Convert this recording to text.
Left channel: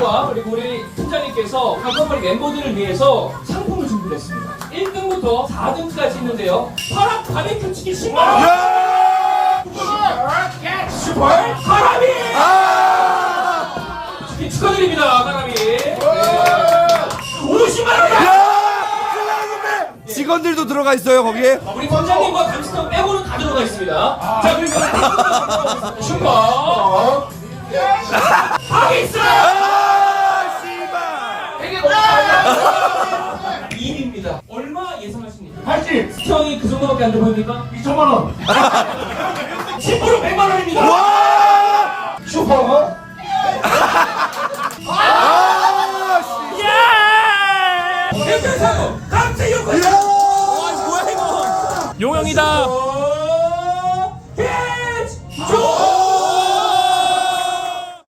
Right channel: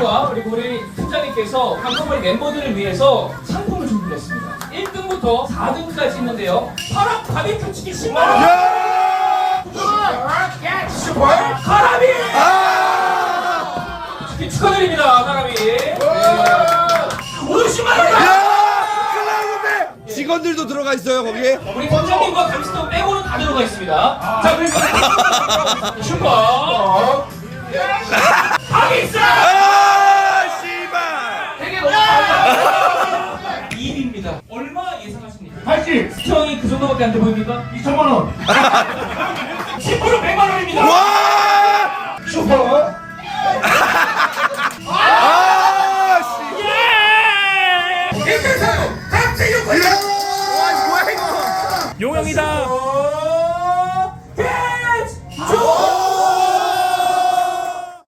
팀장님과 그리고 우리 팀장님께서 한꺼번에 멤버들을 위해서 상품을 준비를 했습니다. 1등부터 4등까지 있는데요. 파락 바베큐 치킨 10만 원. 야! 예, 슈퍼 가라비. 아! 치킨 축하드립니다, 가라비. 네. 50만 원. 야! 클라우드 직원들도 들어가 있어요 거기에? 우리 팀장님과 감스터 빼고는 다 들어가 있습니다. 자, 그리고 슈퍼. 하비스. 아! 씨발! 되게 너무 잘한다. 2입니다. 얼마 예상하십니까? 80. 시청이 그 정도밖에 안 돼 보입니까? 2천만 원. 10% 100만 원입니다. 와! 슈퍼. 아! 씨! 같이 욕을. 와, 뭐야 이거? 용영이다.